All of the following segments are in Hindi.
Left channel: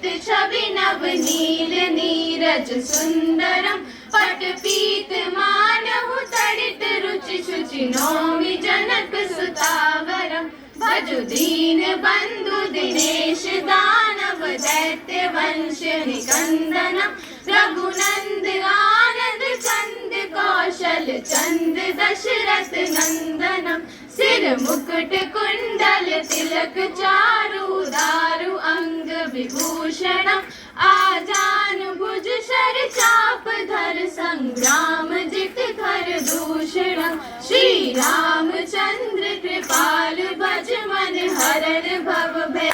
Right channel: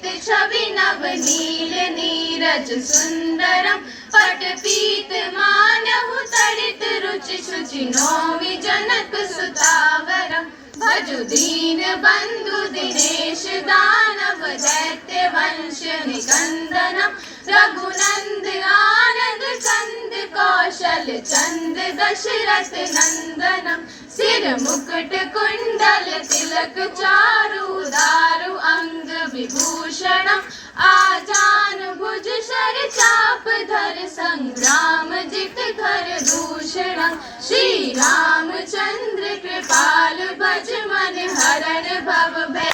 चित छवि नवनील नीरज सुंदरम पटपीत मानहु तड़ित रुचि शुचि नौमि जनक सुतावरम भजु दीन बंधु दिनेश दानव दैत्य वंश निकंदनम रघुनंद आनंद चंद कौशल चंद दशरथ नंदनम सिर मुकुट कुंडल तिलक चारु दारु अंग विभूषणम आजान भुज शर चाप धर संग्राम जित कर दूषणम श्री रामचंद्र कृपाल भज मन हरन भव भय।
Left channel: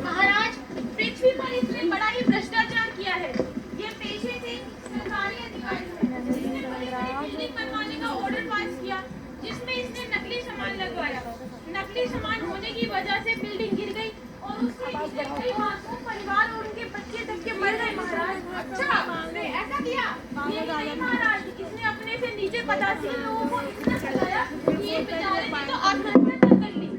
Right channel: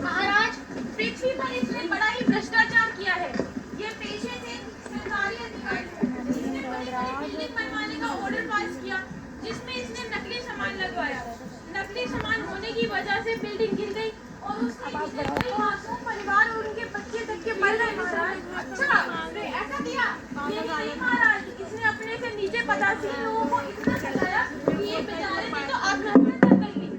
महाराज, पृथ्वी पर इसने बड़ा ही भ्रष्टाचार किया है। ये पेशे से सरकारी अधिकारी है। इसने बिल्डिंग बनवाने का ऑर्डर पास किया, जिसमें इसने नकली सामान लगवाया। नकली सामान होने की वजह से बिल्डिंग गिर गई और उसके नीचे कई मासूम परिवार और उनके बच्चे तक के मर गए। महाराज, अच्छा आपने ऐसा किया? नहीं महाराज, इसने अपने से नीचे पदासीन लोगों को इतना सताया कि ये बेचारे ने तो आत्महत्या तक कर ली।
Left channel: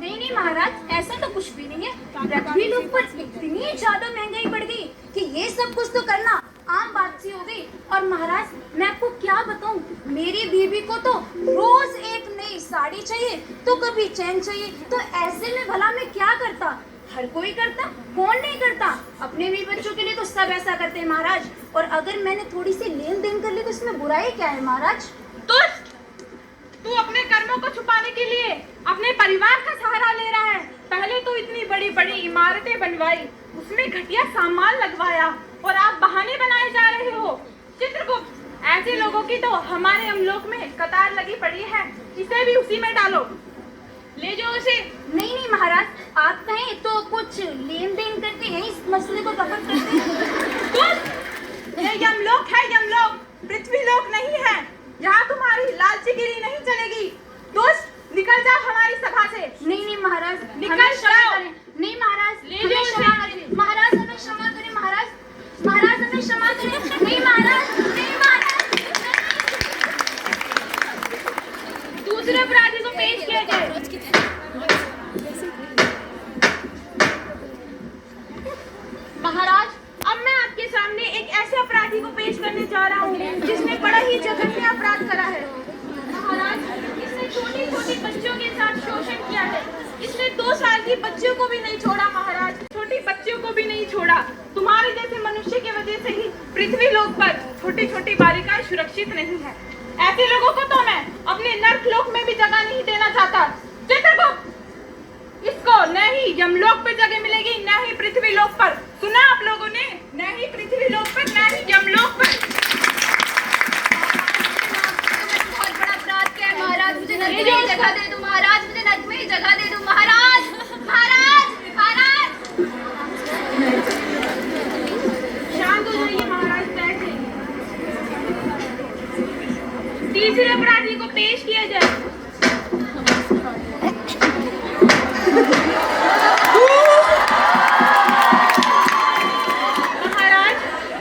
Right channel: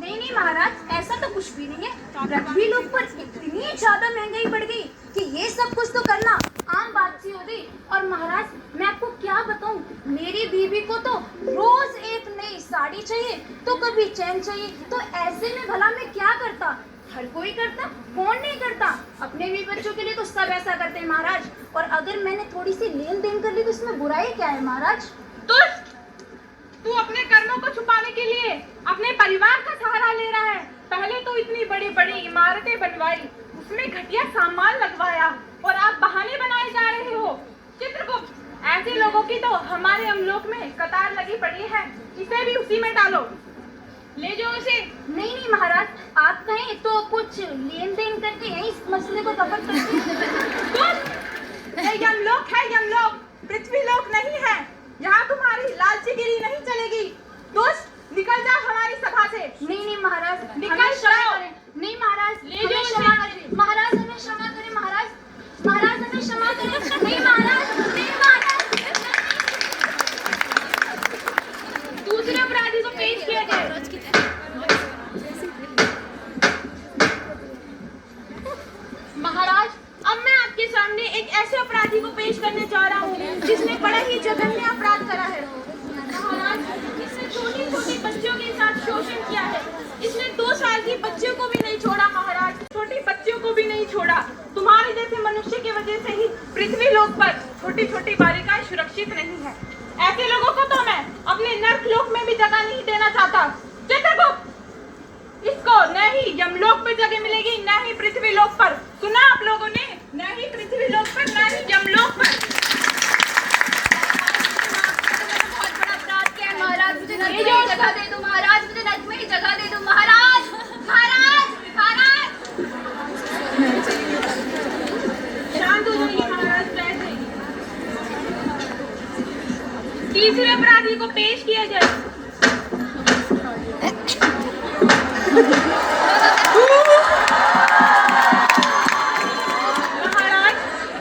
नहीं महाराज, ऐसा तो कुछ भी नहीं है। पृथ्वी लोक पर इतनी ज्यादा महंगाई बढ़ गई कि ये सब कुछ तो करना आम बात सी हो गई। और महाराज, मैं आपको क्या बताऊं, मेरी बीवी को तो रोज एक नई साड़ी चाहिए तो कभी चैन चाहिए। तो ऐसे में भला मैं क्या करता? हर कोई करता, कौन नहीं करता? अपने भी बच्चों के लिए तो सब ऐसा करते हैं महाराज। और अगर मैंने थोड़ी सी लेन देन कर ली तो इसमें बुराई क्या है महाराज? तू अपने कर्मों को छुपाने के लिए अपने परिवार का सहारा ले रहा है। पहले तो इतनी बड़ी बड़ी इमारतें बनवाई, उसमें घटिया सामान लगवाया और आप बहाने बनाए जा रहे हो। चित्रगुप्त, ऐसे लोगों की तो हमारे अमलोक में कतार लगी पड़ी है। इसे भी उसी में डालो, ले जाओ इसे। नहीं महाराज, आप कहें तो कुछ लेन देन करके यही इस मसले को खत्म करते हैं। यमलोक है, यमलोक, पृथ्वी लोक नहीं है। यहाँ तुम्हारी लालचीगिरी नहीं चलेगी। दुष्ट, निकल जा हमारी सभा से। नहीं महाराज, निकल क्षमा करें। नहीं महाराज, हमें क्षमा करें। महाराज हमें क्षमा करें। महाराज हमें क्षमा करें। नहीं महाराज, नहीं महाराज। दूसरे अपराधी को पेश किया जाए। महाराज, अब मैं आपके सामने एक ऐसे अपराधी को पेश करने जा रहा हूँ जिसने बड़ा ही जघन्य अपराध करा है। महाराज, इसने छोटी छोटी बच्चियों के साथ शोषण किया है। इसने 2 साल की बच्चियों को भी नहीं छोड़ा। महाराज, छोटी बच्चियों को भी नहीं छोड़ा। तुम्हारे जैसे मनुष्य की वजह से ही पृथ्वी लोक पर छोटी छोटी बालिकाएं सुरक्षित नहीं है। ऐसे लोगों को तो मैं अपने नर्क लोक में भी जगह नहीं देना चाहता। चित्रगुप्त, इसको न ही यमलोक पर जगह मिलेगी, न ही पृथ्वी लोक पर। सुना आप लोगों ने? न ही पृथ्वी लोक पर, न ही यमलोक पर। बहुत बड़ा अपराध क्या है महाराज? मुझे नर्क में ही जगह दे दो महाराज। मुझे नर्क में ही जगह दे दो महाराज। महाराज शांत हो जाइए महाराज, बैठ जाइए। तीसरे अपराधी को पेश किया जाए। महाराज,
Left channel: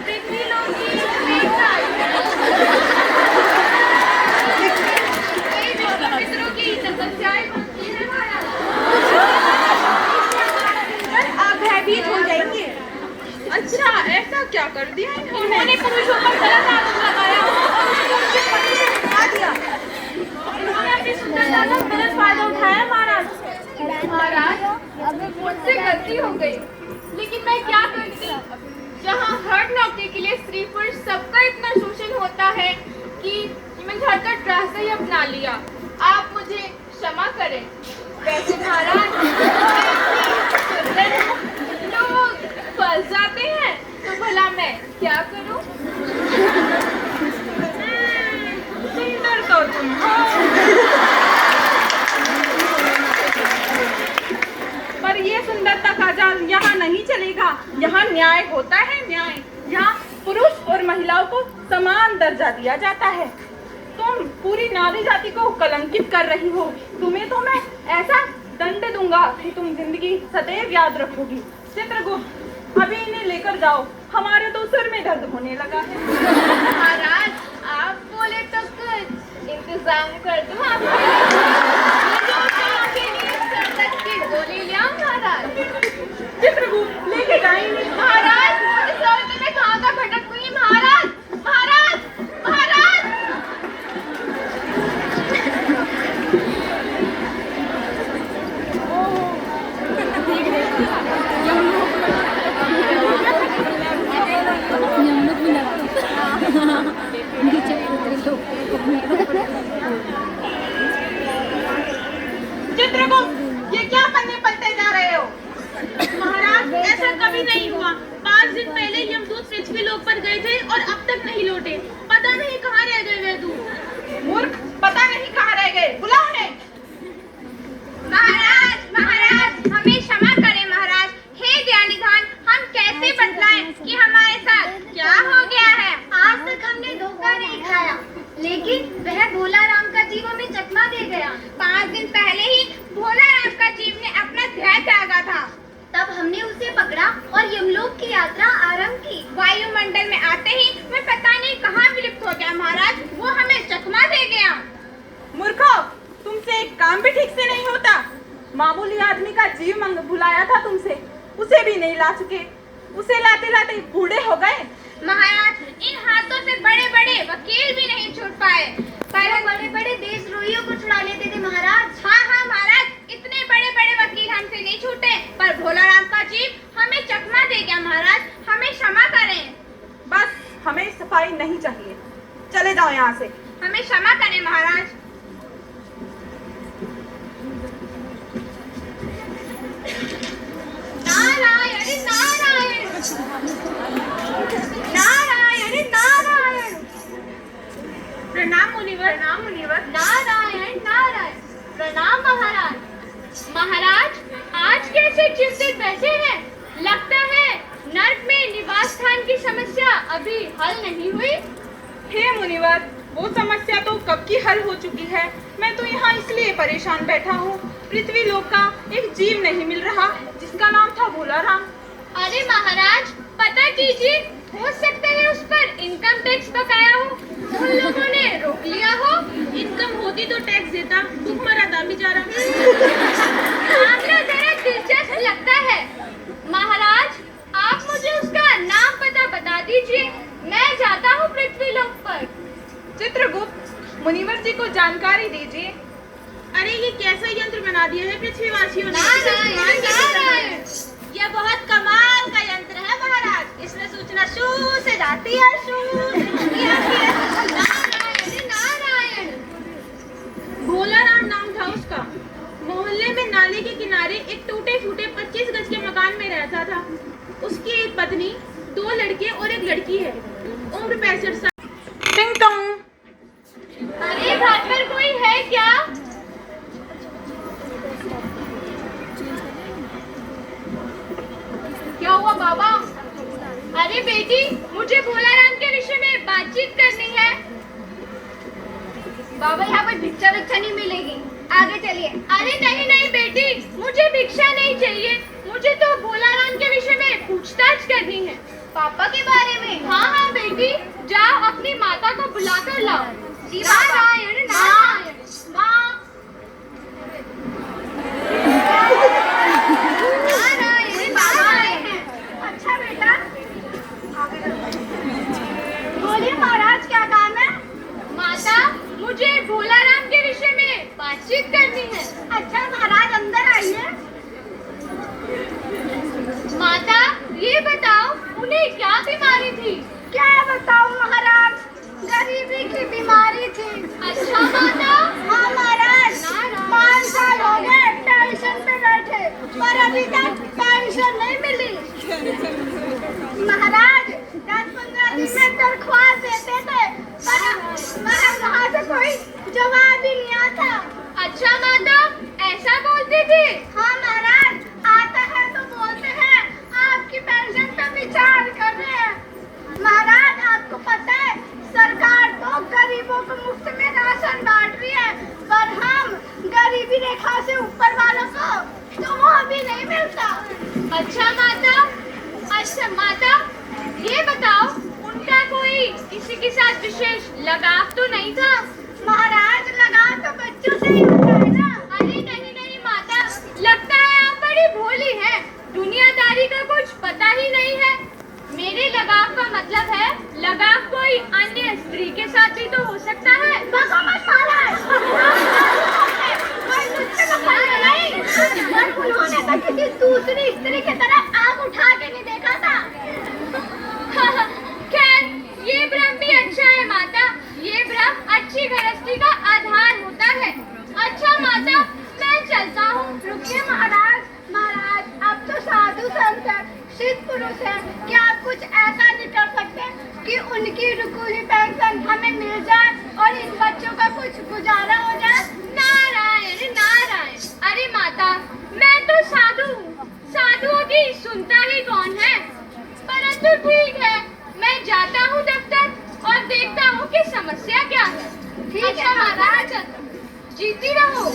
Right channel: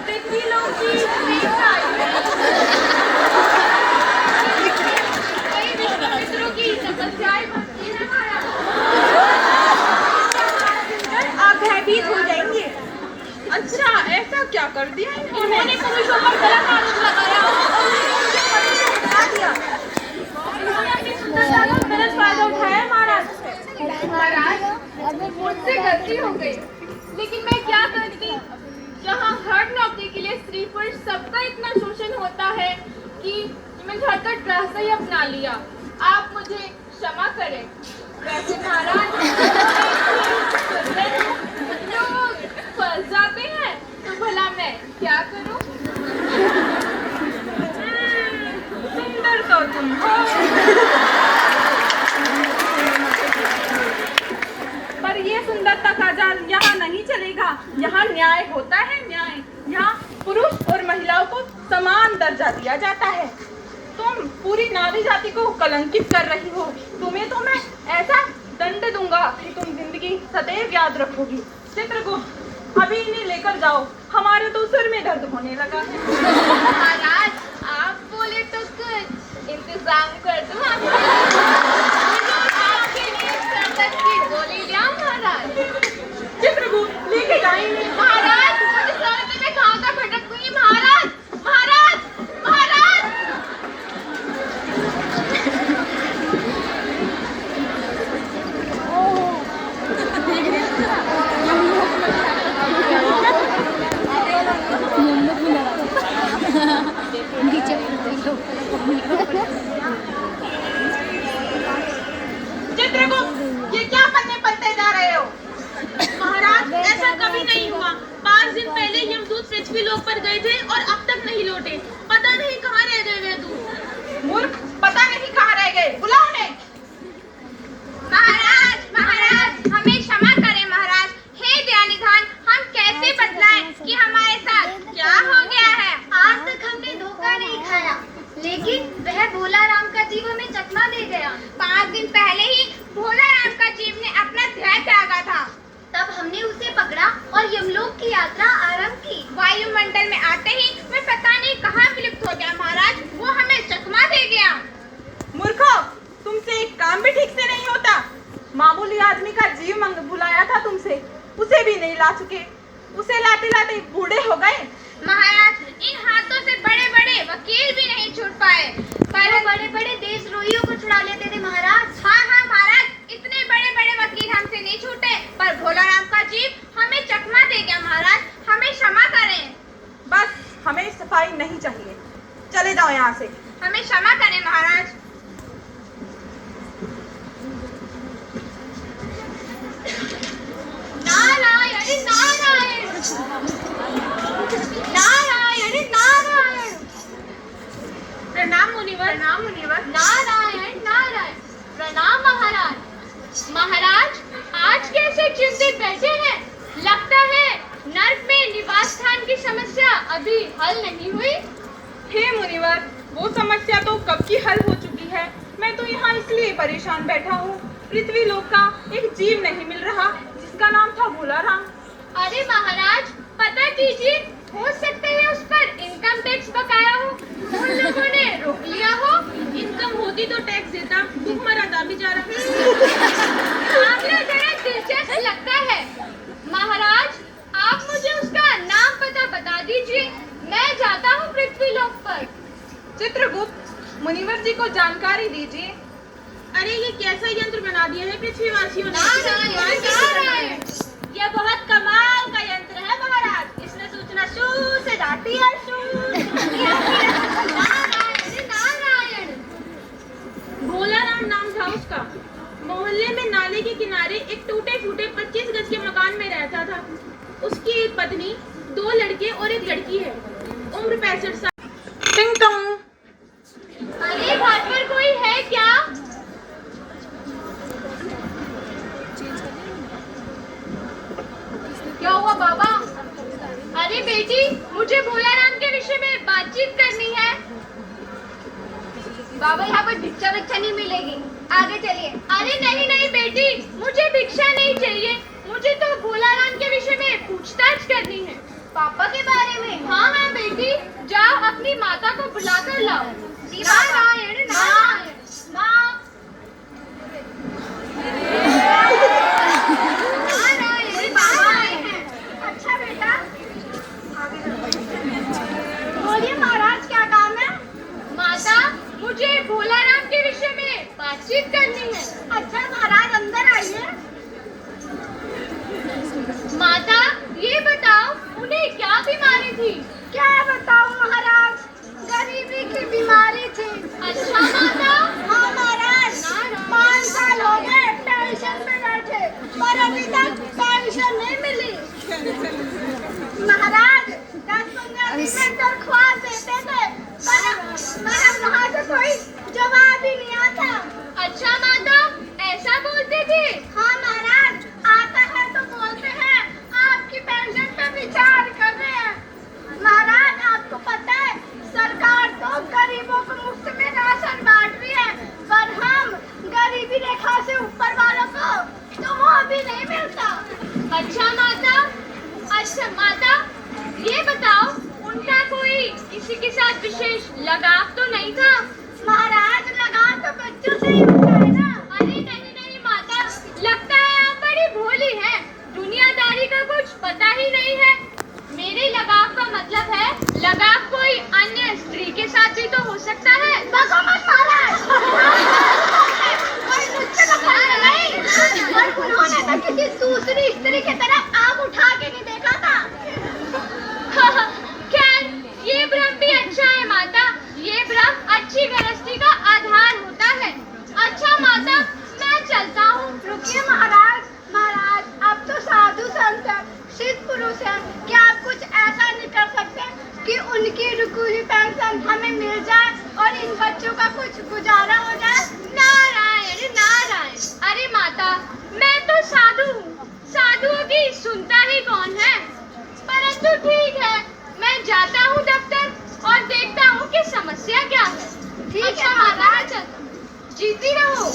पृथ्वी लोक की मित्रों की तपस्याएं भक्ति है महाराज। आप भयभीत हो जाएंगे। अच्छा, ऐसा क्या कर दिया इन्होंने? पुरुषों पर गलत आरोप लगाया और मनुष्य ने खा दिया। इन्होंने अपनी सुंदरता का गलत फायदा उठाया महाराज। मुझसे गलती हो गई, लेकिन मैं क्या करती? जहाँ हर नौकरी के लिए स्त्री पुरुष सबका इतना शोषण होता है कि मैं घर का रास्ता ही अपना लिया। आप मुझे क्षमा करें। वैसे महाराज, लोग फंस जाते हैं तो भला मैं क्या करूं? सुंदर तो तुम हो, पर ये सुंदरता का जाल यहाँ नहीं चलेगा। यहाँ न्याय होता है, न्याय। यहाँ पुरुष और महिलाओं को समान दर्जा दिया जाता है। तुम पूरी नारी जाति को कलंकित कर रही हो। तुम्हें तो मैं ऐसा दंड दूंगा कि तुम जिंदगी सदैव याद रखोगी। चित्रगुप्त, अभी इन्हें लेकर जाओ, हमारे तो सिर में दर्द होने लगा है। महाराज, आप बोले तो कुछ इंतजाम कर दूं आपके गोली लिया महाराज। चित्रगुप्त, लेके जाएंगे। महाराज, इस लड़के में कहाँ का भटकूंगी महाराज। महाराज, महाराज। चित्रगुप्त, ये क्या करने पलटे जा रहे हो? महाराज, ऐसा कभी नहीं हुआ। 5 दिन पहले यमदूत पृथ्वी लोक पर गए थे और अब तक नहीं लौटे। पता नहीं कहाँ रह गए वे दूत। मूर्ख, पता नहीं कहाँ रह गए, बुलाओ उन्हें। महाराज, महाराज, हमें क्षमा करें महाराज। हे दयानिधान, हम कैसे बतलाएं कि हमारे साथ क्या हो गया है। आज तक हमने धोखा नहीं खाया, लेकिन वह भोला राम का जीव हमें चकमा दे गया। 5 दिन पहले ही भोला राम का जीव ने अपना ध्यान त्यागा था। तब हमने उसे पकड़ा और यमलोक की यात्रा आरंभ की। वायुमंडल में आते ही वह पता नहीं कहाँ विलुप्त हो गया महाराज। वो हमें चकमा दे गया। मूर्खो, तुमसे एक काम भी ठीक से नहीं होता। मामूली आदमी का जीव बुलाया था तुमसे, उसे भी नहीं ला सके। उसे लाते लाते बूढ़े हो गए। महाराज, इन हाथों से बड़े बड़े वकील भी नहीं छूट पाए। पर बड़े बड़े देशद्रोहियों को छुड़ा लेते थे महाराज। हाँ हाँ महाराज, इतने बड़े बड़े वकील हमसे नहीं छूटे, पर भोला राम का जीव हमें चकमा दे गया महाराज। हमें क्षमा करें। बस, हमें सफाई नहीं चाहिए, चले जाओ यहाँ से। हमें क्षमा करें महाराज। नारायण नारायण नारायण नारायण। प्रणाम मुनिवर। प्रणाम मुनिवर। नारायण नारायण। प्रणाम महाराज। महाराज, आज कैसे चिंतित बैठे हैं? लगता है नर्क में निवास स्थान की समस्या अभी हल नहीं हुई। हे मुनिवर, वो समस्या तो कब की हल हो चुकी है। मैं तो यहाँ इसलिए परेशान बैठा हूँ, पृथ्वी लोक का एक जीव नहीं मिल रहा जिसका नाम था भोला राम। अरे महाराज, पता कीजिए, हो सकता है उस पर इनकम टैक्स बकाया हो, उन लोगों ने रोक लिया हो। इनकम होती तो टैक्स देता, भूख मरा था बेचारा। मामला जरा दिलचस्प लगता है। महाराज, आप मुझे उसका नाम पता बता दीजिए, मैं जाता हूँ पृथ्वी लोक पर। चित्रगुप्त, मुनिवर जी को जानकारी दीजिए। अरे ये कैसा यंत्र बना दिया है पृथ्वीवासियों ने। नारायण नारायण। ये बहुत कमाल का यंत्र है महाराज। इसमें सूचना शू से जाती है, शू नारायण नारायण। भोला राम नाम था उसका। मोहल्ले में नाले के किनारे एक टूटे फूटे 25 गज के मकान में रहता था। उसकी एक पत्नी, 2 लड़के और एक लड़की है। उम्र 65 साल। टिंग टोंग। अरे घर पर कोई है क्या? क्या हुआ बाबा? अरे बेटी, मुझे भोला राम के विषय में बातचीत करनी है। बाबा, यहाँ पर भिक्षा विक्षा नहीं मिलेगी, आगे चलिए। अरे नहीं नहीं बेटी, मुझे भिक्षा नहीं चाहिए, मुझे तो भोला राम के विषय में पूछताछ करनी है। पापा के बारे में? हाँ हाँ बेटी, जाओ अपनी माता को बुला कर लाओ। नारायण नारायण। माँ, नारायण नारायण। अच्छा बेटा, बोलिए महाराज, क्या काम है? माता, मुझे भोला राम के विषय में बातचीत करनी है। अच्छा महाराज, अंदर आइए। माता, ये बताओ, उन्हें क्या बीमारी थी? क्या बताओ महाराज, गरीबी की बीमारी थी। अच्छा माता। हाँ महाराज, 5 साल हो गए पेंशन में बैठे, पर अभी तक पेंशन नहीं मिली। महाराज, 10-15 दिन में दरख्वास्त देते थे, पर वहाँ से कोई जवाब ही नहीं आता। अच्छा माता, ऐसा बोलते थे? हाँ महाराज, आता है तो बोलते हैं आपकी पेंशन पे विचार कर रहे हैं। महाराज, आपको नहीं मिलता। अच्छा माता, ये बताओ उनका कोई किसी के साथ विशेष लगाव तो नहीं था? महाराज, लगाव तो बच्चों से ही होता है ना। अरे नहीं माता, लगता है आप बड़ी भोली हैं, दुनियादारी का कुछ पता ही नहीं है। मेरे लगाव का मतलब है लगाव कोई अन्य स्त्री के साथ भी तो हो सकता है। उन्होंने तो किसी दूसरी स्त्री की तरफ आंख उठा के नहीं देखा था। खैर, ये भ्रम भी अच्छा है माता, ये भ्रम अच्छी गृहस्थी का आधार होता है। अच्छा माता, मैं चलता हूँ। रुकिए महाराज, आप तो साधु संत हैं, सिद्ध पुरुष हैं, क्या आप कुछ ऐसा नहीं कर सकते कि उनकी रुकुली पेंशन हमें मिल जाए और इन बच्चों का कुछ गुजारा हो जाए? नारायण नारायण। अरे माता, मैं तो साधु हूँ, साधुओं की सुनता ही कौन है। परंतु ठीक है, मैं जाता हूँ दफ्तर और देखता हूँ कि समस्या क्या है। ठीक है महाराज, जीती रहो।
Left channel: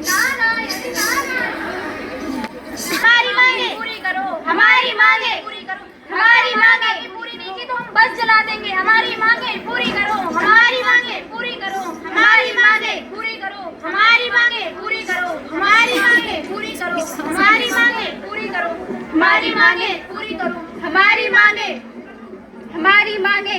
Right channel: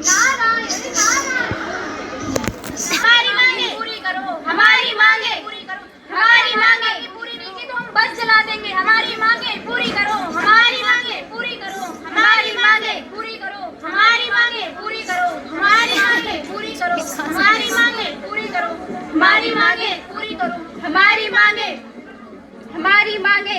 नारायण नारायण। हमारी मांगे पूरी करो, हमारी मांगे पूरी करो, हमारी मांगे पूरी नहीं की तो हम बस जला देंगे। हमारी मांगे पूरी करो, हमारी मांगे पूरी करो, हमारी मांगे पूरी करो, हमारी मांगे पूरी करो, हमारी मांगे पूरी करो, हमारी मांगे पूरी करो, हमारी मांगे पूरी करो, हमारी मांगे।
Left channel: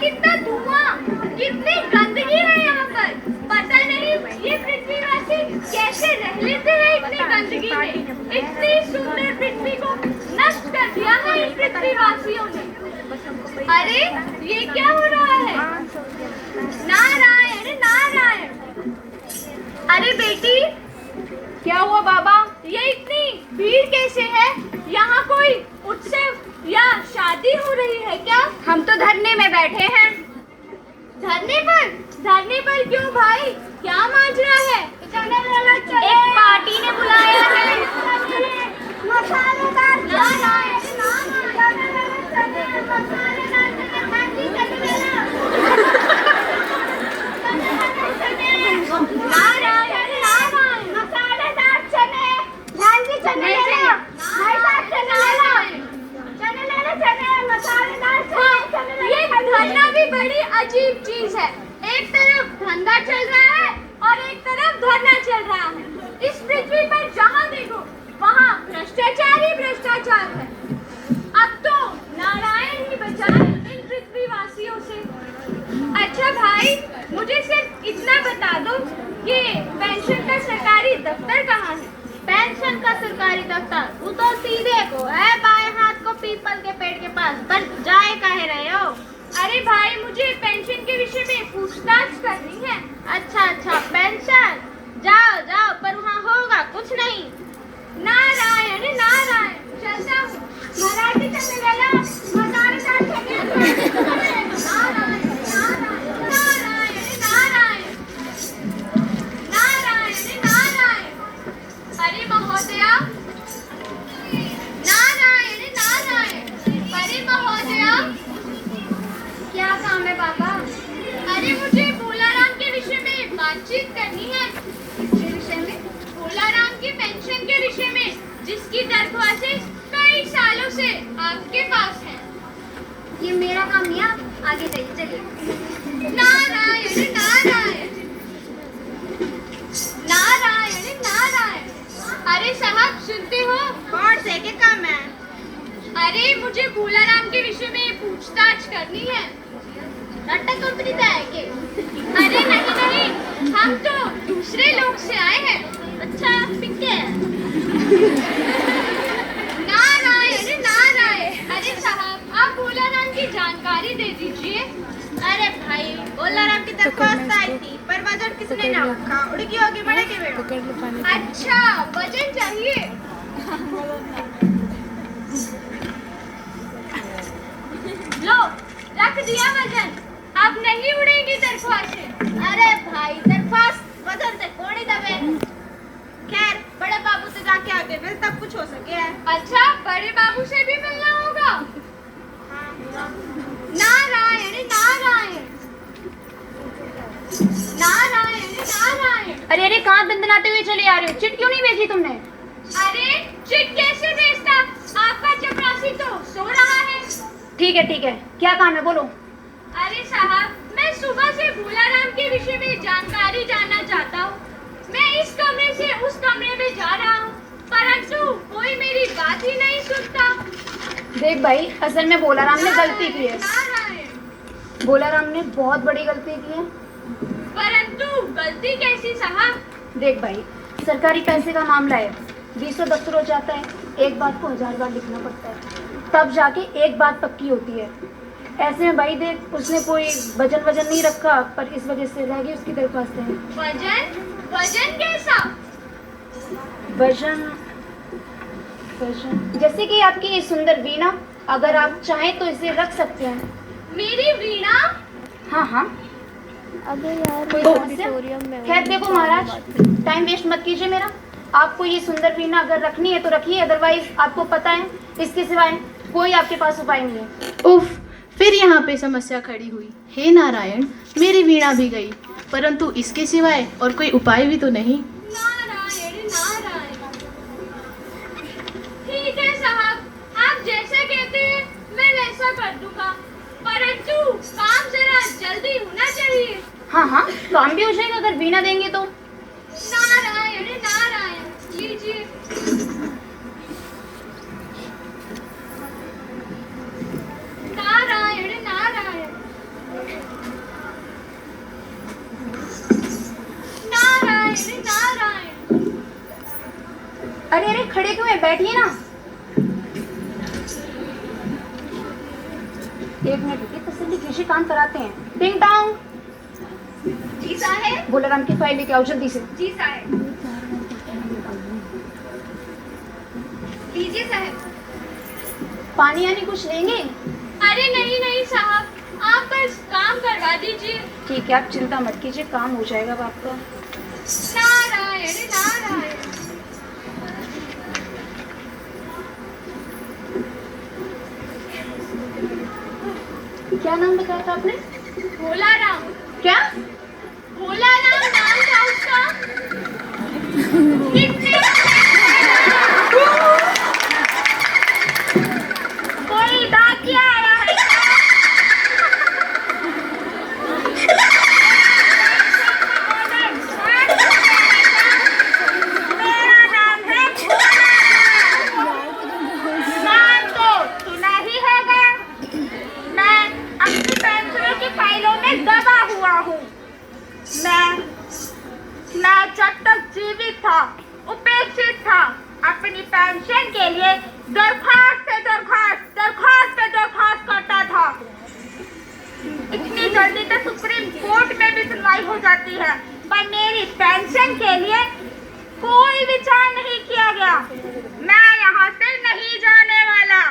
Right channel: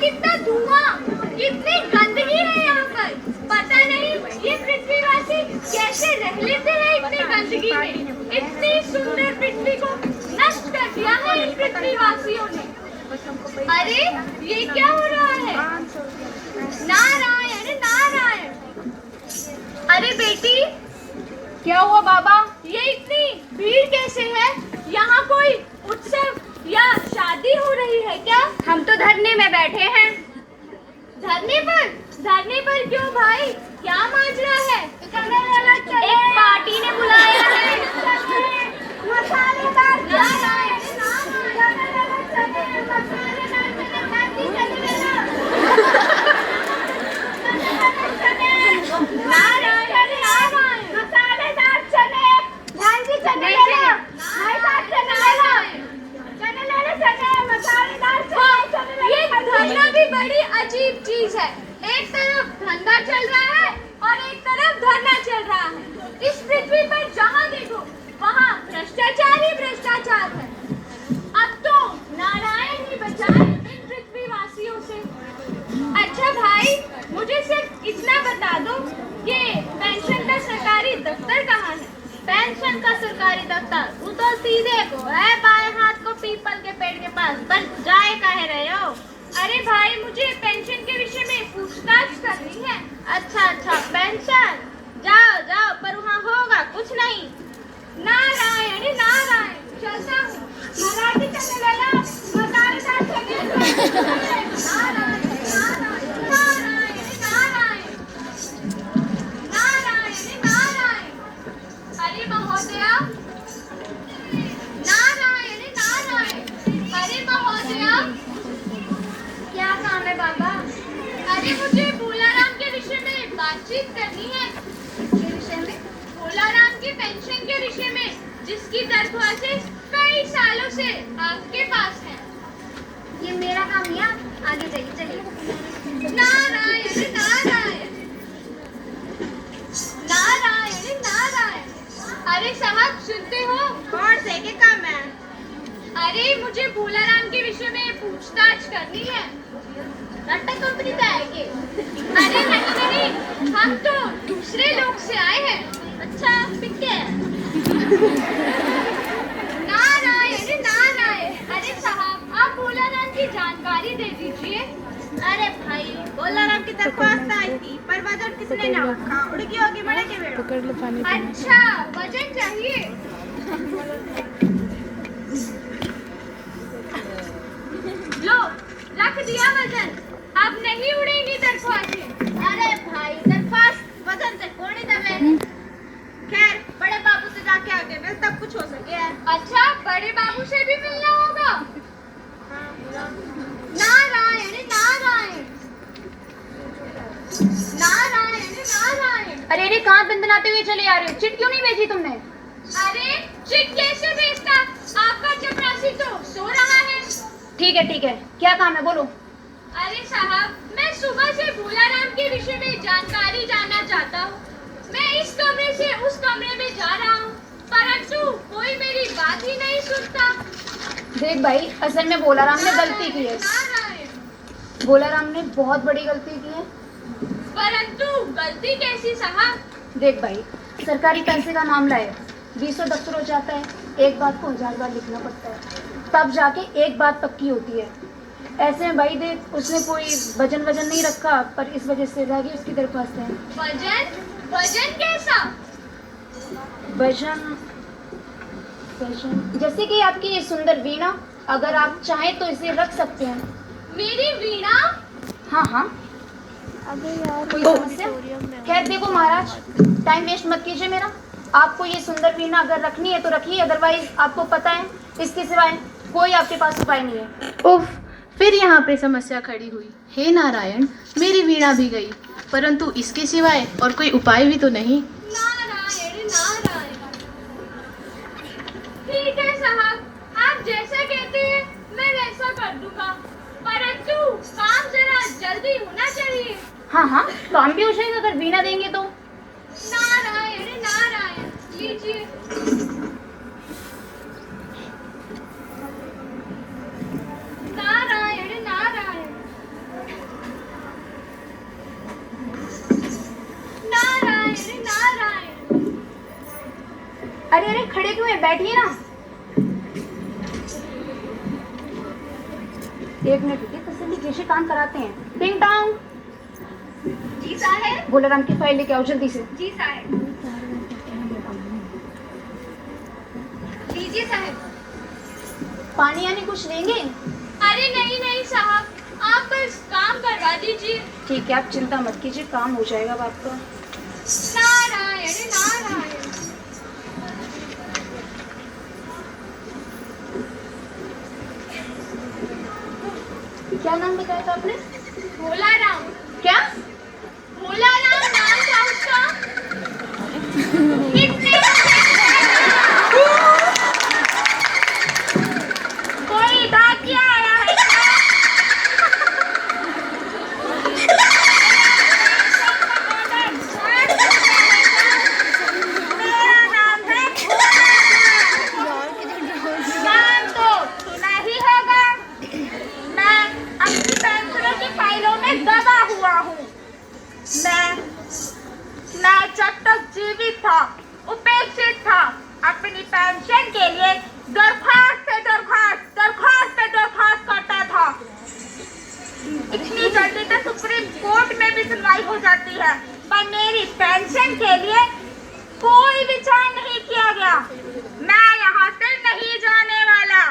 कितना धुआं, कितनी गंदगी है यहाँ पर। पता नहीं ये पृथ्वीवासी कैसे रह लेते हैं इतनी गंदगी में। इतनी सुंदर पृथ्वी को नष्ट कर दिया है इन पृथ्वीवासियों ने। अरे ये क्या हो रहा है? नारायण नारायण। अरे बेटी, क्या हुआ बाबा? ये इतनी भीड़ कैसे है? यहाँ कोई उत्सव या शादी हो रही है क्या? हम तो धरने में बैठे हैं। धरने पर क्यों भाई? क्या माजरा है? एक पार्टी ने बुलाया है। ये धरना भी बड़ी अजीब चीज है। एक तरफ धंधा चल रहा है और एक तरफ धरना चल रहा है। इस पृथ्वी पर जहाँ देखो वहाँ भ्रष्टाचार ही भ्रष्टाचार है। अब तो नारायण ही बचाए इन पृथ्वीवासियों से। अच्छा भाई, मुझे सिर्फ इतना बता दो कि पेंशन का सरकारी दफ्तर कहाँ है? पेंशन का सरकारी दफ्तर वो तो सीधे को है, बाएं हाथ को पीपल के पेड़ के पास। बस जाए काहे रहे हो? अरे भाई, मुझे पेंशन के विषय में पूछताछ करनी है। अच्छा पेंशन, जाओ पर वहाँ होगा कुछ नहीं। नारायण नारायण। चलता हूँ। मराठी चलने वाला मसालेदार चटनी। नारायण। अरे महोदया, नारायण। अरे महोदया, क्या काम है बाबा? अरे मुझे भोलाराम के विषय में बातचीत करनी है। किस विषय में? भोलाराम की पेंशन के विषय में, जिसकी दरख्वास्तें कई सालों से आपके पास है। ये मेरा काम मियाँ, आगे जाइए, चलिए। नारायण नारायण। अरे साहब, सुनते हो? कौन से के काम है? अरे मुझे भोलाराम के विषय में पूछताछ करनी है। टाटा कंपनी का है के? अरे नहीं, हम तो दूसरे लोग से आए हैं। अच्छा, पिक्के। नारायण। अरे साहब, आप भोलाराम की जानकारी दे दीजिए। अरे भाई, भोलाराम की दरख्वास्त आई थी, पर वजन किसने नापा? उड़की होगी बड़े के बेटा। पकड़ लो पानी पीने। अच्छा वजन चाहिए। लो रख दिया वजन, अब नहीं उड़ेंगी दरख्वास्तें। अरे भाई दरख्वास्त वजन से कौन ही दबे। खैर बड़े बाबू से जाके आगे फिर तब कुछ हो सके है। अच्छा बड़े बाबू से भी मिलना होगा। नारायण नारायण नारायण नारायण। अरे अरे कहाँ दंदनाते हुए चले आ रहे हो? चिट क्यों नहीं भेजी तुमने? अरे चिट कैसे भेजता, आपका चपरासी तो सो रहा है। ठीक है, क्या काम है बोलो। अरे साहब, मैं सुबह से भोलाराम के विषय में जानकारी जानना चाहता हूँ। मैं इस कमरे से उस कमरे में जा रहा हूँ, परंतु कोई मेरी बात ही नहीं सुनता। देख भाई, असल में भोलाराम ने गलती की है। नारायण। भोलाराम ने बहुत बड़ी गलती की है। परंतु गलती कैसी साहब? देख भाई, सरकारी पैसे का मामला है, 20 दफ्तर हो जाता है, एक बात को 1000 बार लिखना पड़ता है, तब जाके एक बात पक्की होती है। ऐसे में भाई देख, उसने कोई वजन नहीं रखा, पर इस वजह से रह गई उसकी दरख्वास्तें। वजन कैसा? वजन जैसे कि आपकी ये सुंदर वीणा, अगर आप चाहें तो इसे रख सकते हैं। मेरी वीणा? हाँ। अरे यार कोई मैं समस्या? ऑडिटोरियम में हूँ। खैर देखो महाराज, टाइम वेस्ट मत कीजिए मेरा। आपको ये सुंदर वीणा अगर रखनी है तो रखिए, अदरवाइज आपको पता है इसके सिवाय कोई आपके पास उपाय नहीं है। उफ, फिर यहाँ पे समस्या खड़ी हुई। हे नारायण, मेरी वीणा भी गई, परंतु इसके सिवाय और कोई उपाय भी तो नहीं। नारायण नारायण। ठीक है साहब, आप जैसा कहते हैं मैं वैसा कर दूंगा, परंतु काम जरा जल्दी होना चाहिए। हाँ, काम भी हो जाएगा अगर वीणा देंगे तो। नारायण नारायण, लीजिए। नारायण नारायण नारायण नारायण। अरे खड़े क्यों हैं? बैठिए ना। एक मिनट रुकिए, तसल्ली कैसे काम कराते हैं। टिंग टांग। जी साहब। भोलाराम की फाइल लेके आओ जल्दी से। जी साहब। लीजिए साहब। पानी यानी कुछ लेंगे? अरे नहीं साहब, आप बस काम करवा दीजिए। ठीक है, आप चिंता मत कीजिए, काम हो जाएगा बात का। नारायण नारायण। क्या नाम बताया था आपने? भोलाराम। क्या? भोलाराम नाम था उसका। कितने कोई डाकिया आया है। मेरा नाम है नाम तो सुना ही होगा। मैं अपनी पेंसिलों की फाइलों में दबा हुआ हूँ। मैं जब तक जीवित था उपेक्षित था, अपनी पेंशन के लिए दरखास्त पे दरखास्त करता था। इतनी जल्दी तो सुप्रीम कोर्ट में भी सुनवाई हो जाती है, पर मेरी पेंशन के लिए कोई विचार नहीं किया गया। मैं यहाँ से नहीं जाने वाला।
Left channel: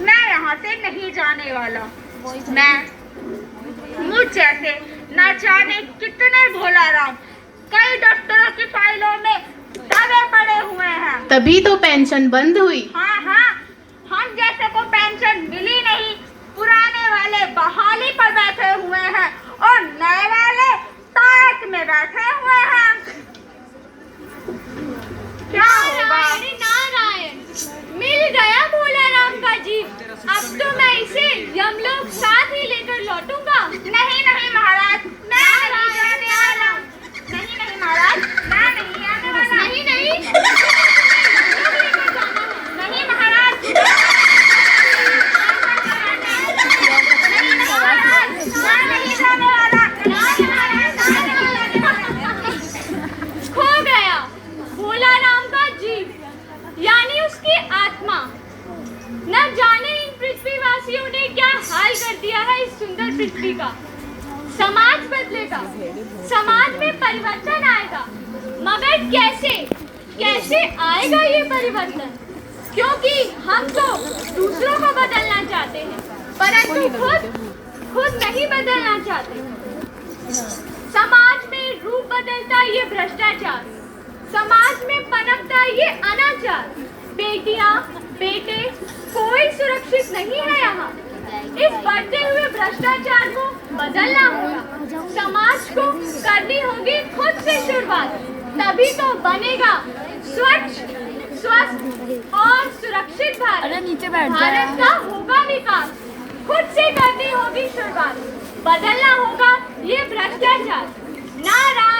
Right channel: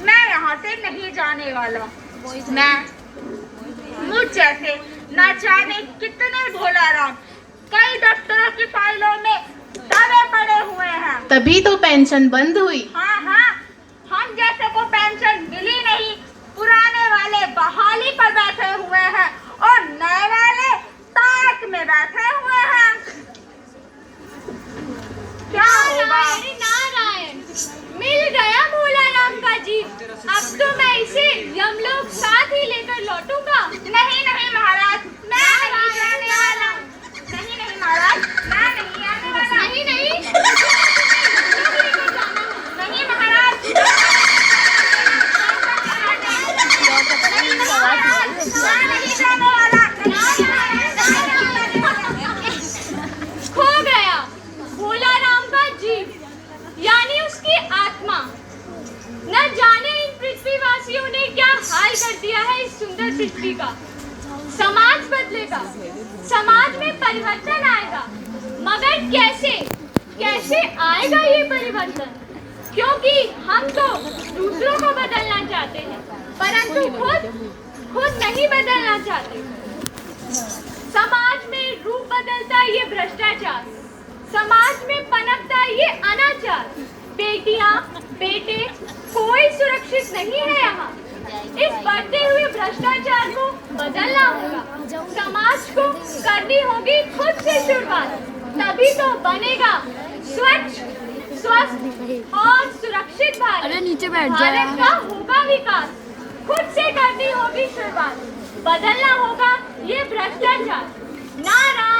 मैं यहाँ से नहीं जाने वाला। मैं मुझ जैसे न जाने कितने भोलाराम कई दफ्तरों की फाइलों में दबे पड़े हुए हैं। तभी तो पेंशन बंद हुई। हाँ, हम जैसे को पेंशन मिली नहीं। पुराने वाले बहाली पर बैठे हुए हैं और नए वाले ताक में बैठे हुए हैं। क्या होगा? नारायण नारायण। मिल गया भोलाराम का जीव। अब तो मैं इसे यमलोक साथ ही लेकर लौटूंगा। नहीं महाराज, मैं नहीं जाने वाला। नहीं महाराज, मैं नहीं आने वाला। नहीं नहीं महाराज, मैं नहीं जाने वाला। खो गया भोलाराम का जीव, यानी उसकी आत्मा। न जाने इन पृथ्वीवासियों ने क्या हाल कर दिया है इस सुंदर पृथ्वी का। समाज बदलेगा, समाज में परिवर्तन आएगा। मगर कैसे कैसे आएगा ये परिवर्तन? क्योंकि हम तो दूसरों को बदलना चाहते हैं, परंतु खुद नहीं बदलना चाहते। समाज में रूप बदलता ये भ्रष्टाचार, समाज में पनपता ये अनाचार। बेटियां बेटे कोई सुरक्षित नहीं है यहाँ। इस बढ़ते हुए भ्रष्टाचार को बदलना होगा। समाज को करनी होगी खुद से शुरुआत, तभी तो बनेगा स्वच्छ, स्वस्थ और सुरक्षित भारत। भारत का होगा विकास, खुद से करनी होगी शुरुआत। बदलना होगा ये भ्रष्टाचार। नारायण।